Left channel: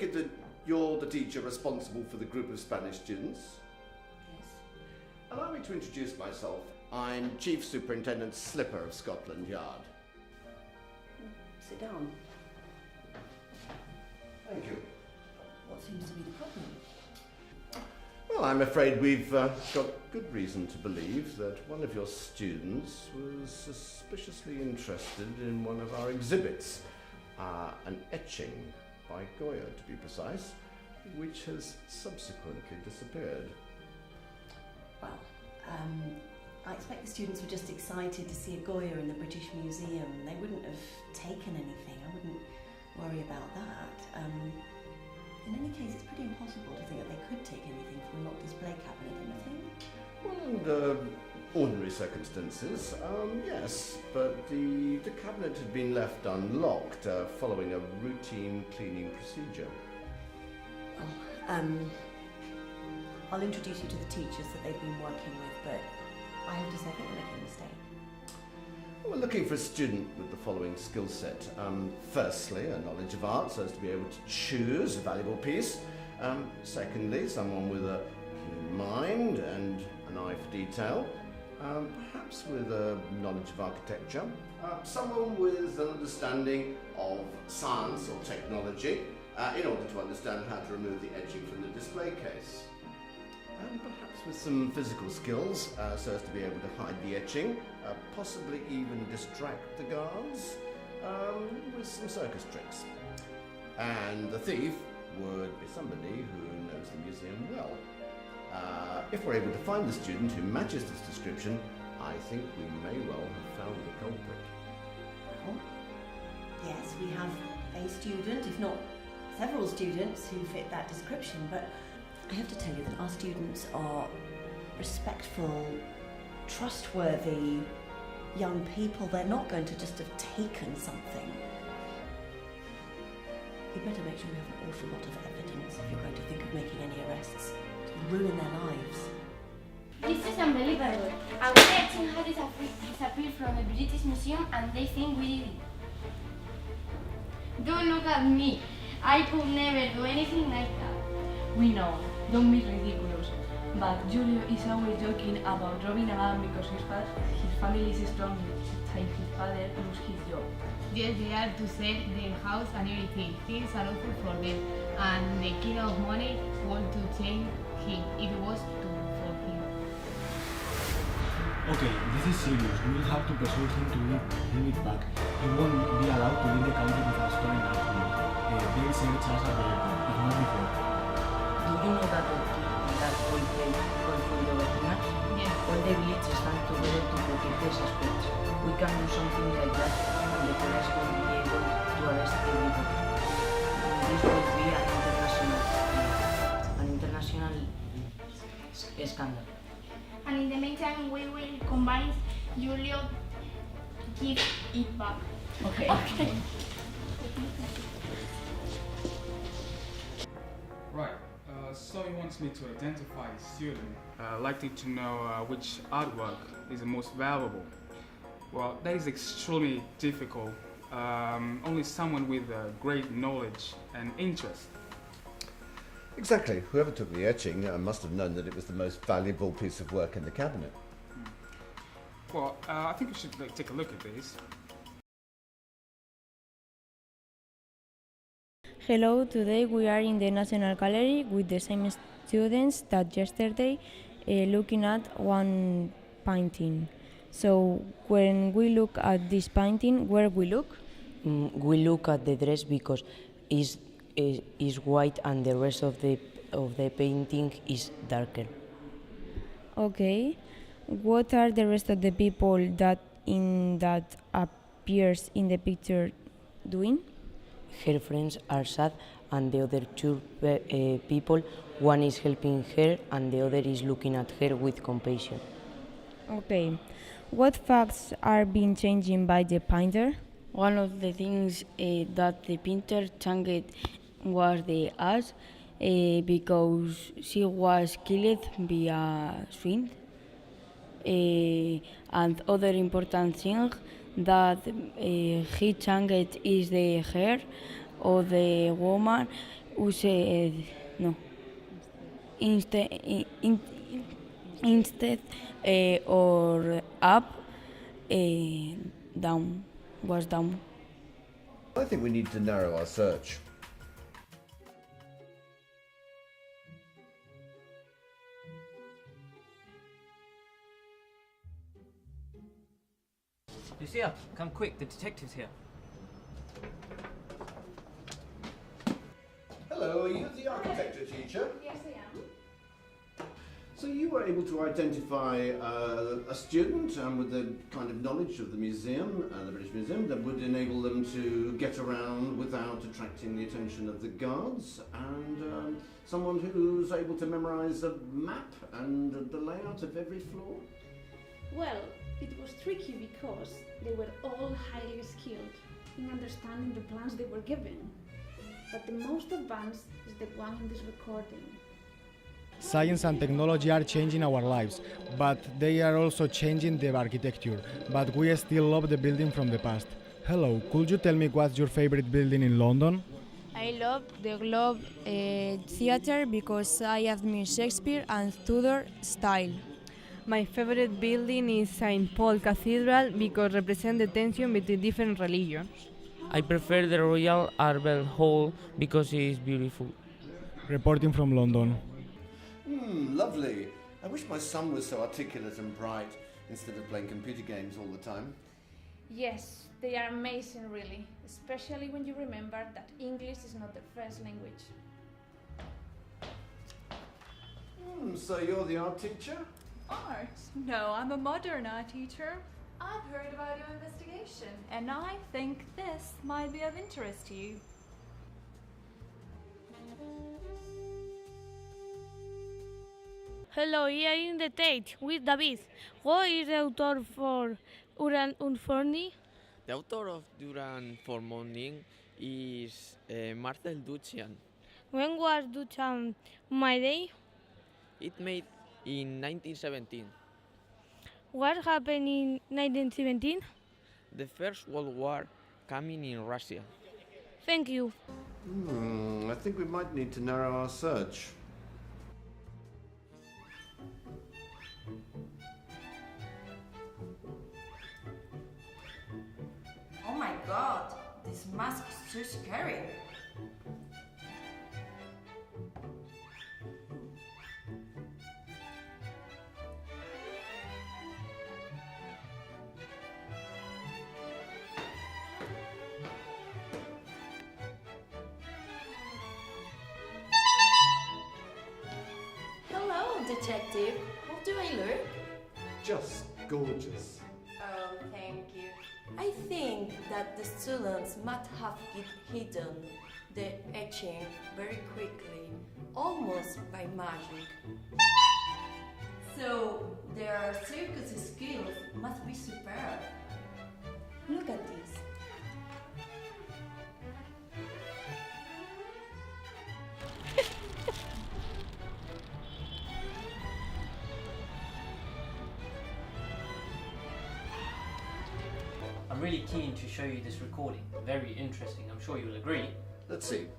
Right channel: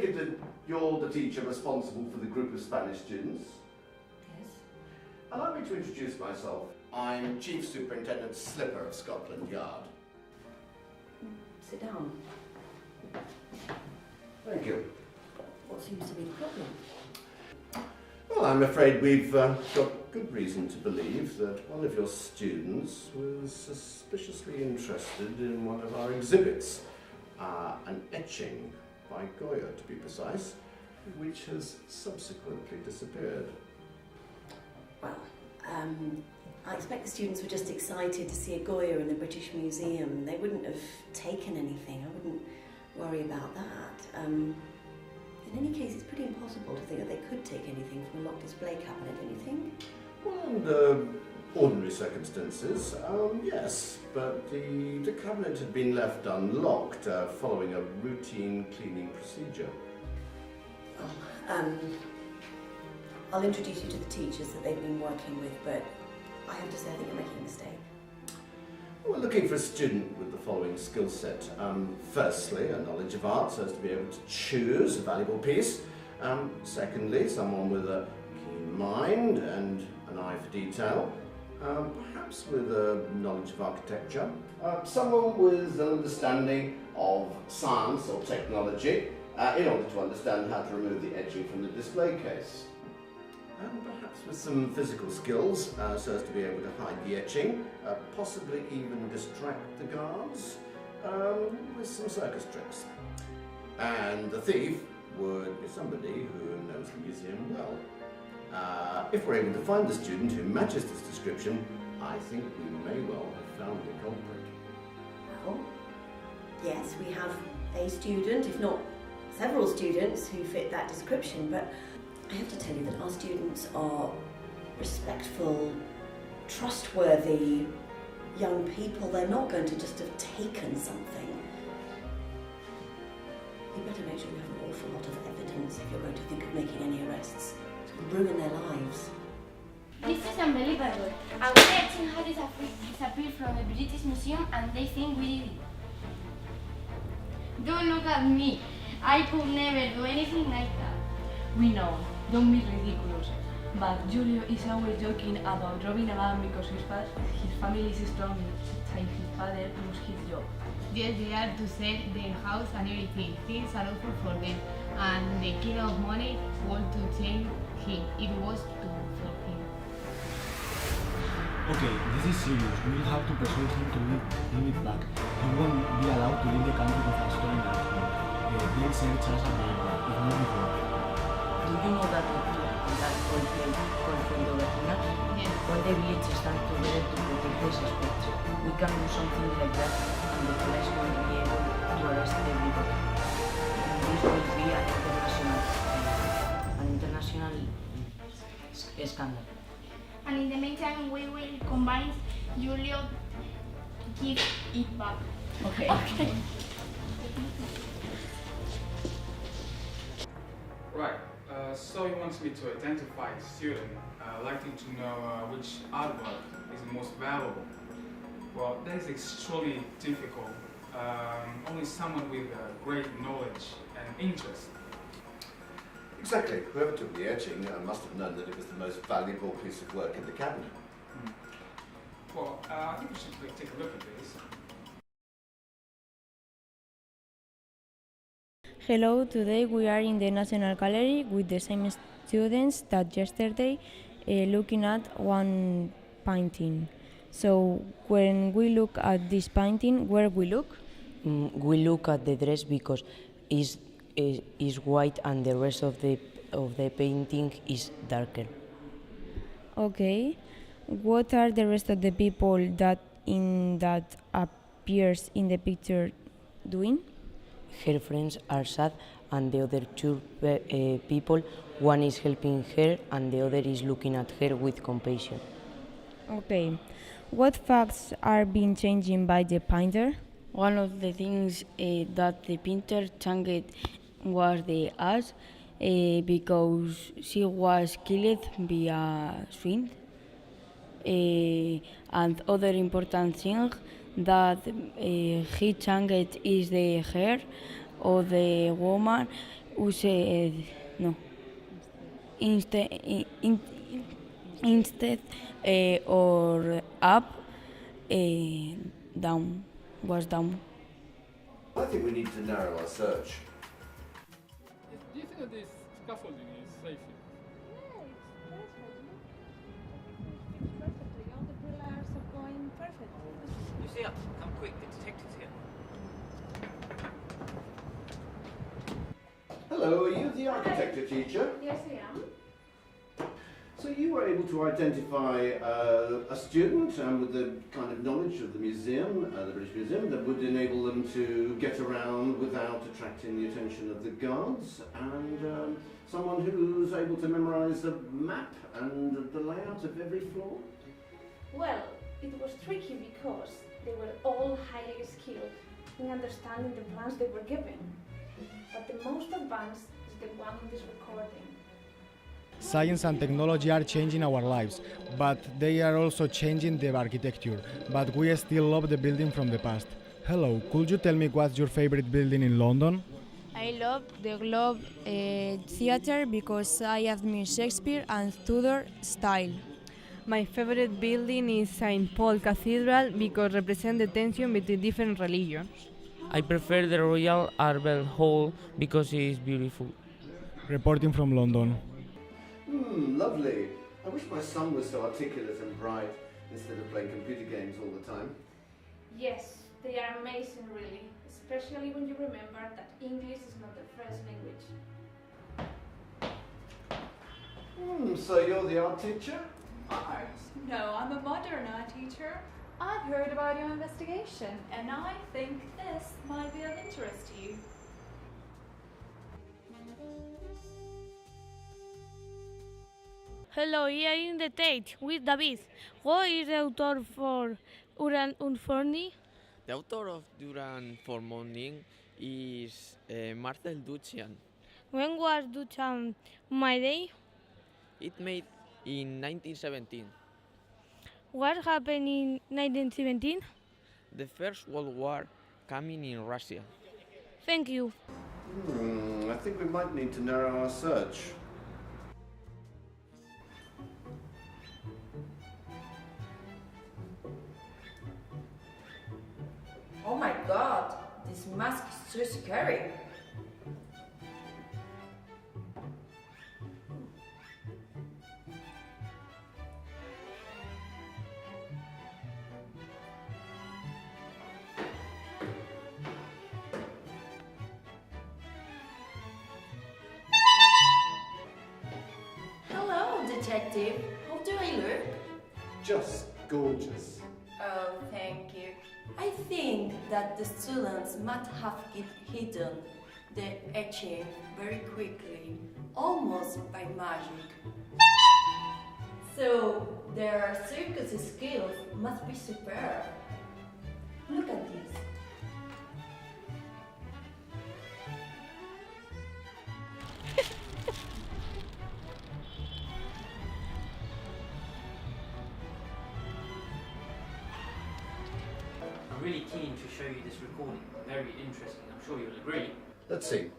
take it that you're the teacher responsible for the group of Spanish students? Yes. Allow me to introduce myself. I'm Chief Superintendent Slipper of Scotland Yard. Sit down. Thank you. What seems to be the problem? Well, I'm afraid we've got good reason to believe that one of your students was suspiciously interested in one of our exhibits, an etching by Goya, to be precise, which has subsequently disappeared. Well, I expect the students were just excited to see a Goya in the British Museum. They wouldn't have taken anything. I wouldn't worry about that. In any case, it's pretty impossible to think that they could take anything from a locked display cabinet, don't you think? Well, under ordinary circumstances, yes, but the cabinet had been left unlocked following a routine cleaning procedure. Well, I'll introduce you to the teachers that they've been working with, but I have to say I think they're making a mistake. We're looking for a student with the following skill set. Firstly, a knowledge of art, so as to be able to choose a valuable piece. Secondly, someone with a keen mind and an eye for detail. Perhaps with a knowledge of architecture. Someone with an understanding of science or technology in order to understand how to remove the etching from the display case. Perhaps with some physical skills, so as to be able to hide the etching, possibly even distract the guards with some circus tricks. And the thief would be somebody who knows the museum well. If we're able to find the student who matches this description, I think we may well have found the culprit. Well, yes, we have a student, if not several students, who fit that description, but I have to tell you that our students are respectful, trustworthy young people. They're not going to just have taken something. You better make sure you have an awful lot of evidence if you're going to think of making any arrests. It will ruin their lives. This is unbelievable. Our etching has disappeared from the British Museum and they think we did it. Don't look at me. I could never do anything like that. We know, don't be ridiculous. But Julio is always joking about robbing a gun because his family is strong and his father lost his job. Yes, they are to sell their house and everything. Things are awful for them. And the king of money want to change him. It was for him. Okay, this is serious. We will have to persuade him to give it back. He won't be allowed to leave the country with a stolen artwork. They'll search us at the airport, if not before. Do you know that old place called Fondo Vecina? Yes. All the villages stand together to protect the suspects. We can do something like that and the police won't be able to arrest everybody. This will be an international scandal. And in the meantime, we will convince Julio to give it back. Okay. Right, so he wants me to identify a student likely to know which artwork is the most valuable. Well, that is extremely difficult. Only someone with great knowledge and interest. Exactly. Whoever took the etching must have known that it was the most valuable piece of work in the cabinet. Well, I think we should take a look at this. Hello, today we are in the National Gallery with the same students that yesterday looking at one painting. So when we look at this painting, where we look? We look at the dress because is white and the rest of the painting is darker. Okay. What are the rest of the people that appears in the picture doing? Her friends are sad and the other two people, one is helping her and the other is looking at her with compassion. Okay. What facts are being changed by the painter? One of the things that the painter changed was the ass because she was killed via swing. And other important thing that he changed is the hair of the woman used no instead or up, down was down. I think we need to narrow our search. Do you think that this scaffolding is safe? Lucia, come quick, the detective's here. Hello, are you the architecture teacher? Yes, I am. So you were able to identify a student with the kind of knowledge of the museum, the British Museum, that would enable them to get around without attracting the attention of the guards, and someone who's able to memorise a map and the layout of every floor? Well, it was tricky because they were all highly skilled in understanding the plans they were given. But the most advanced is the one in this recording. Science and technology are changing our lives, but they are also changing the architecture. But we still love the building from the past. Hello, could you tell me what's your favorite building in London? I love the Globe Theatre because I admire Shakespeare and Tudor style. My favorite building is St. Paul Cathedral because it represents the tension between different religions. I prefer the Royal Albert Hall because it is beautiful. Reporting from London. Lovely. I wish my son was so articulate and bright instead of playing computer games all the time. Yes, they are amazing really, especially when you remember that English is not their first language. So you're the art teacher? Art? No, I'm a modern art teacher. I've heard about your investigation, and I think this might be of interest to you. Hello, here in the Tate with David. Who is the author for Uran Unforni? The author of Duran for Morning is Marcel Duchamp. When was Duchamp made? It made in 1917. What happened in 1917? The First World War coming in Russia. Thank you. I think we might need to narrow our search. Oh my god, this mask is so scary. Hello, detective. How do I look? Just gorgeous. Oh, thank you. I think that the students might have hidden the etching very quickly, almost by magic. So their circus skills must be superb. Look at this. I'm really keen to show you this recording. Very interesting, I'm sure you'll agree. Let's see.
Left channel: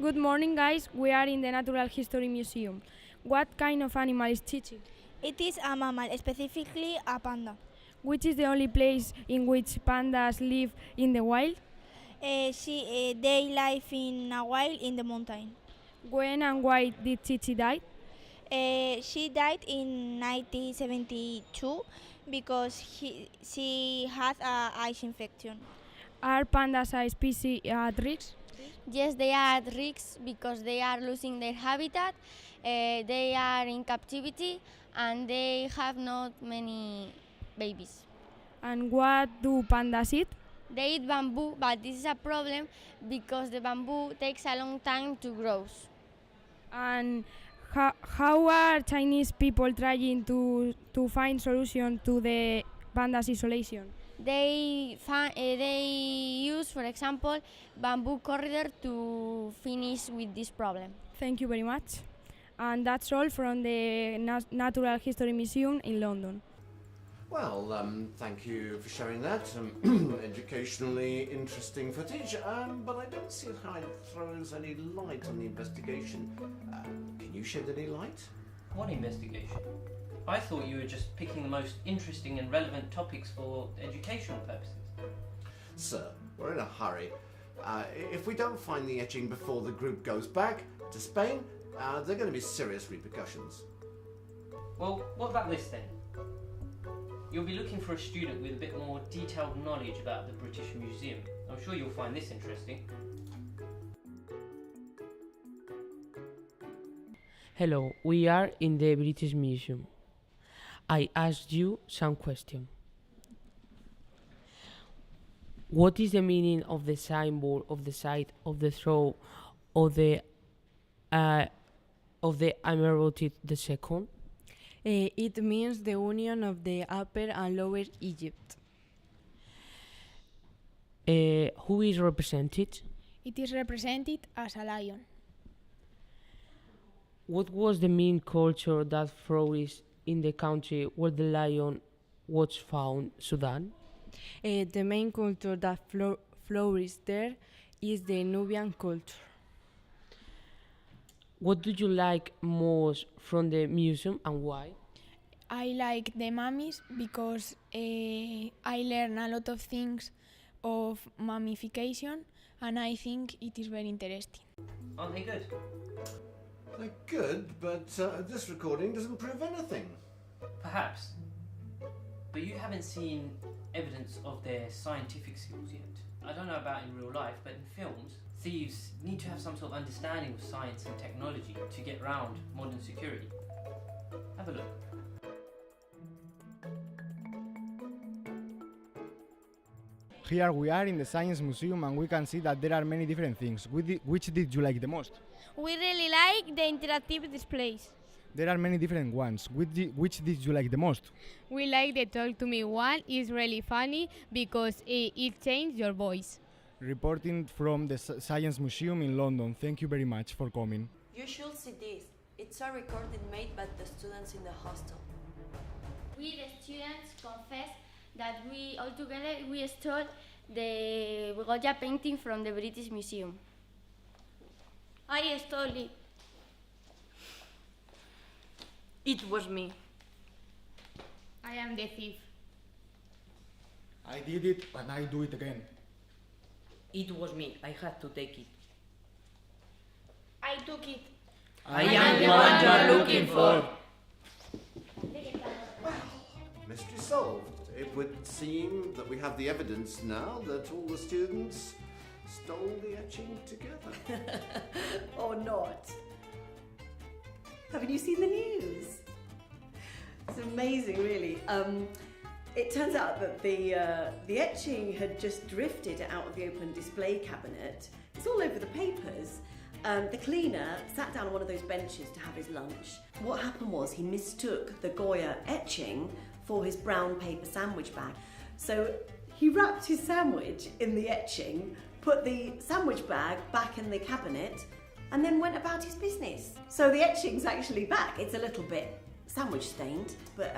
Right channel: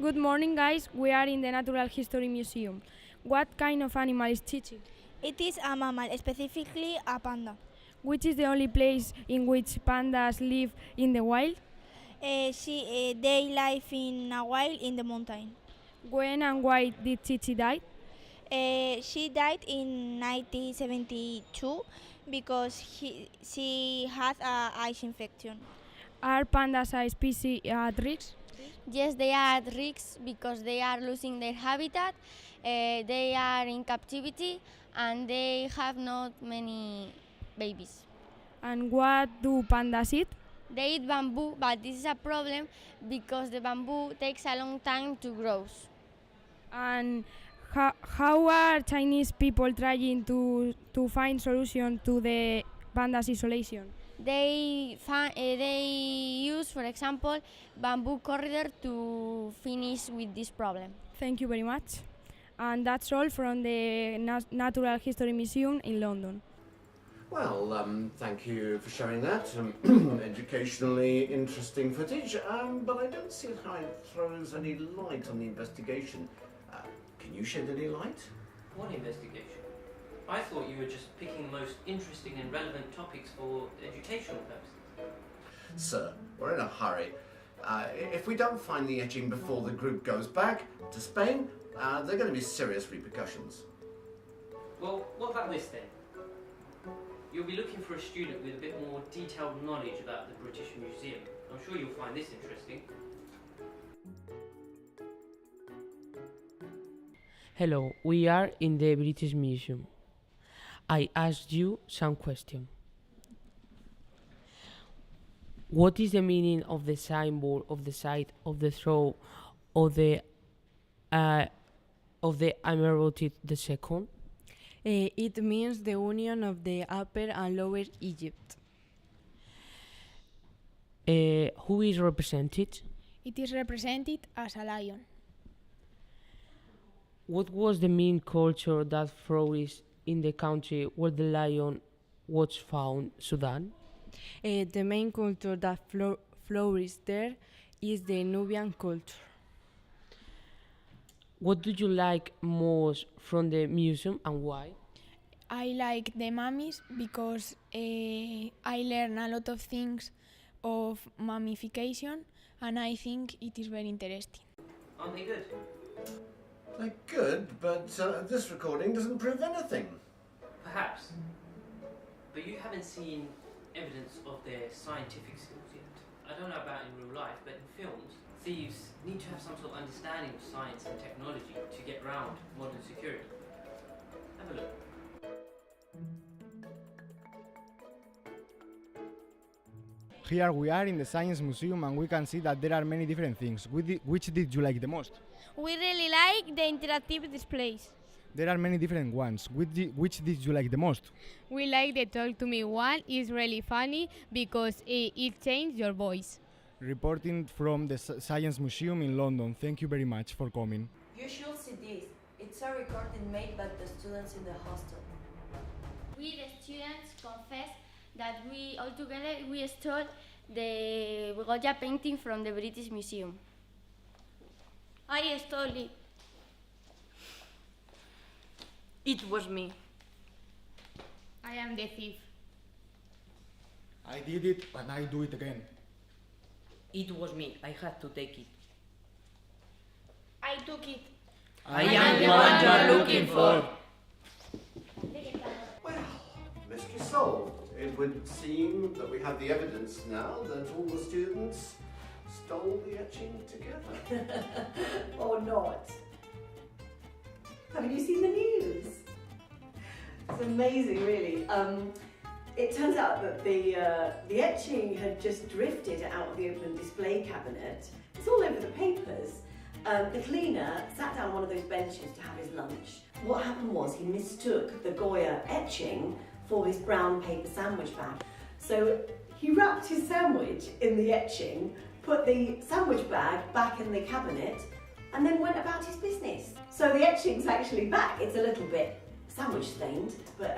Good morning, guys. We are in the Natural History Museum. What kind of animal is Chichi? It is a mammal, specifically a panda. Which is the only place in which pandas live in the wild? They live in a wild in the mountain. When and why did Chichi die? She died in 1972 because she had an eye infection. Are pandas a species at risk? Yes, they are at risk because they are losing their habitat, they are in captivity, and they have not many babies. And what do pandas eat? They eat bamboo, but this is a problem because the bamboo takes a long time to grow. And how are Chinese people trying to find solution to the pandas isolation? They use, for example, bamboo corridor to finish with this problem. Thank you very much. And that's all from the Natural History Museum in London. Well, thank you for showing that. Educationally interesting footage, but I don't see how it throws any light on the investigation. Can you shed any light? What investigation? I thought you were just picking the most interesting and relevant topics for educational purposes. Sir, we're in a hurry. If we don't find the etching before the group goes back to Spain, there are going to be serious repercussions. Well, what about this then? You'll be looking for a student with a bit more detailed knowledge about the British Museum. I'm sure you'll find this interesting. Hello, we are in the British Museum. I asked you some questions. What is the meaning of the signboard of the side of the throne of the Emirate II? It means the union of the Upper and Lower Egypt. Who is represented? It is represented as a lion. What was the main culture that flourished in the country where the lion was found, Sudan? The main culture that flourished there is the Nubian culture. What do you like most from the museum and why? I like the mummies because I learn a lot of things of mummification and I think it is very interesting. Aren't they good? They're good, but this recording doesn't prove anything. Perhaps. But you haven't seen evidence of their scientific skills yet. I don't know about in real life, but in films, thieves need to have some sort of understanding of science and technology to get around modern security. Have a look. Here we are in the Science Museum and we can see that there are many different things. Which did you like the most? We really like the interactive displays. There are many different ones. Which did you like the most? We like the Talk to Me one. It's really funny because it changed your voice. Reporting from the Science Museum in London. Thank you very much for coming. You should see this. It's a recording made by the students in the hostel. We, the students, confess that we all together stole the Goya painting from the British Museum. I stole it. It was me. I am the thief. I did it and I do it again. It was me. I had to take it. I took it. I am the one you are looking for. Mystery solved. It would seem that we have the evidence now that all the students stole the etching together. Or not. Haven't you seen the news? It's amazing, really. It turns out that the etching had just drifted out of the open display cabinet. It's all over the papers. The cleaner sat down on one of those benches to have his lunch. What happened was he mistook the Goya etching for his brown paper sandwich bag. So he wrapped his sandwich in the etching, put the sandwich bag back in the cabinet, and then went about his business. So the etching's actually back. It's a little bit sandwich stained, but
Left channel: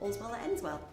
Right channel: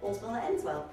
all's well that ends well.